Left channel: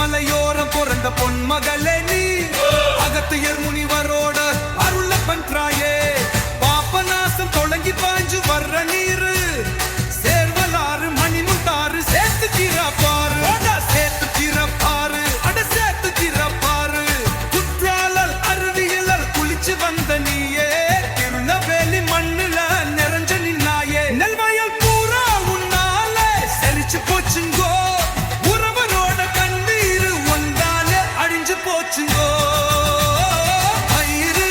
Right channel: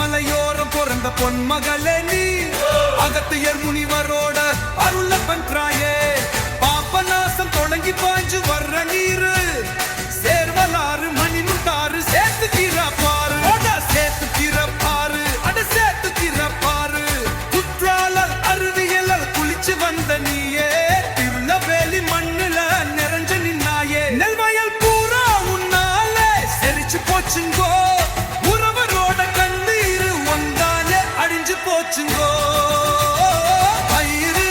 மலையோரம் பிறந்த பொன்மகளே நீ அகத்தியர் முனிவரோட அருள பண்றாயே பாப்பநாசம் தொடங்கி பாஞ்சு வர்ற நீரு சேர்வலாறு மணிமும் தாறு சேர்த்துக்கிற பாரு சேர்த்துக்கிற பாரு சேர்த்துக்கிற பாரு குற்றாலல் அருவியலல் குளிச்சு வந்த நீயே திருநெல்வேலி மண்ணுல நிறைஞ்ச நின்னாயே நெல்வயல் பூரா உன்னால செரிச்சு போச்சுங்கோ உறவரோட கண்ணீரு வந்தாலே அழிஞ்சு போச்சுங்கோ ஐயரு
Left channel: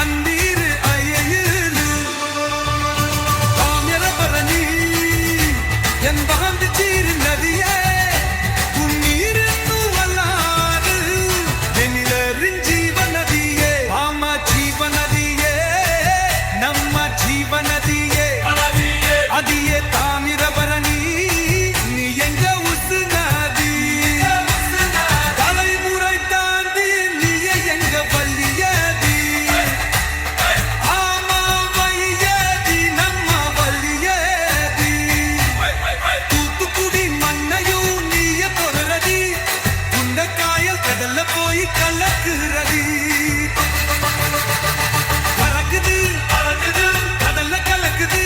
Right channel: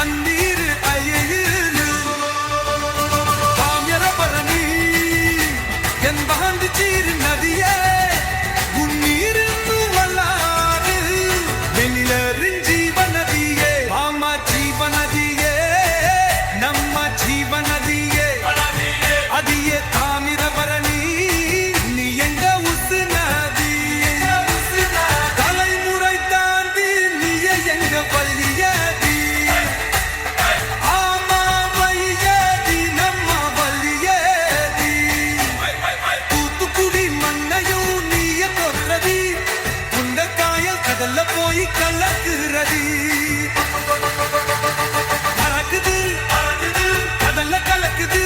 அந்நீரு ஐயரு தாமிரபரணி என் பாந்தி சீரு நதியே உன்னீரின்னு வல்லாறு வெண்ணிலரின் ஜீவநதியே மாமா ஜீவநதியே நம்ம ஜீவநதியே அதியே தாமிரபரணி நீ எங்க உசு நதி தலைமுறை தாண்டி நீயே எங்க வள்ளியதி ஆமா வையதி நம்ம வள்ளியதி தூத்துக்குடி மண்ணையும் நீய தொடுறதி குண்ட காயல் கடல்ல போய் கலக்குறதி பறக்குது கடல்ல கலக்குது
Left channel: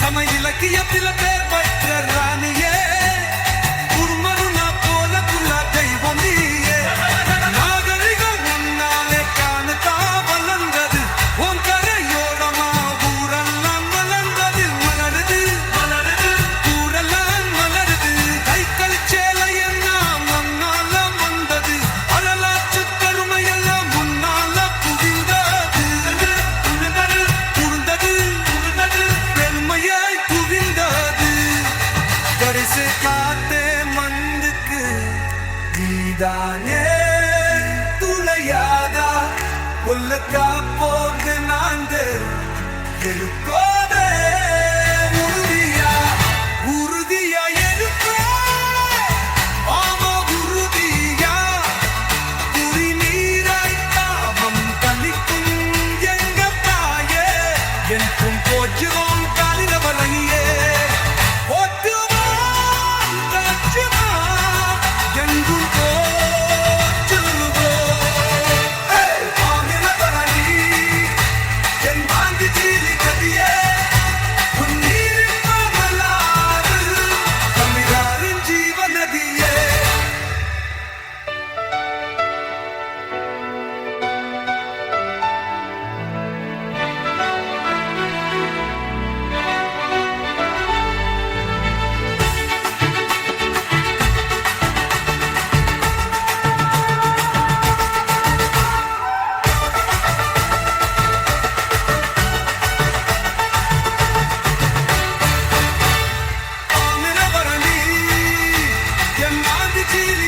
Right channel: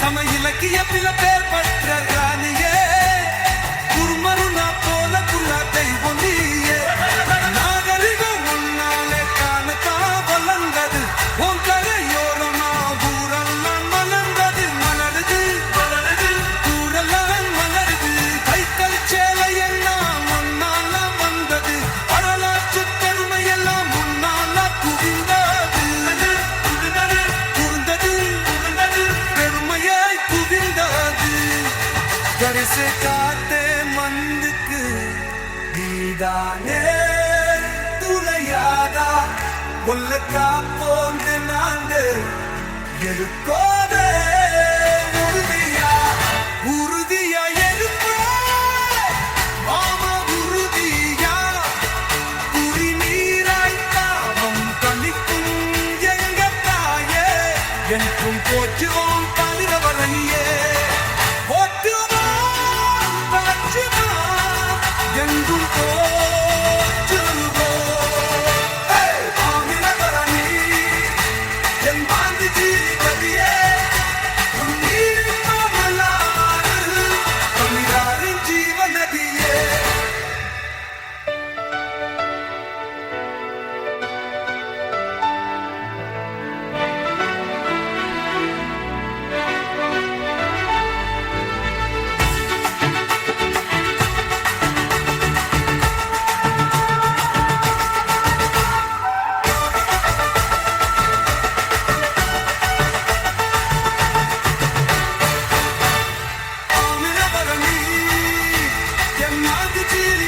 சம இலக்கியத்தில பேர் பெற்ற ராணியே குருமருனா போல புள்ள தெய்வம் நீயே நாகரிகம் முன்னாலே காணுதா வளர்ந்தது உன் கரையோரமா ஊரெல்லாம் வளர்ந்தது மலருது ஊரெல்லாம் மலருது கைக்கல் சேலை எல்லாம் முன்னால வந்தது வரலாற்று பெருமையெல்லாம் முன்னால குவிந்தது குறுந்தது பெருமையாய் குவிந்தது கரிசு காத்தே மந்துக்கு நீதானே துளையாதா ஒல்ல காப்போங்க நாங்க இருக்கோதே உறுதியா இருப்ப ஆமா உறுதியா குடிநீராய் தாபம் கணிக்கும் எங்க தாயே என்றும் போற்றுவோம் காலிரவரணியே போற்றுவோம் காற்றுவோம் எங்கும் போற்றுவோம் காலிரவரணி என் பாந்தி சீலி நதியே உன்னீரின் மகளாறு தமிழாரின் ஜீவநதியே என் ஆதி சீலி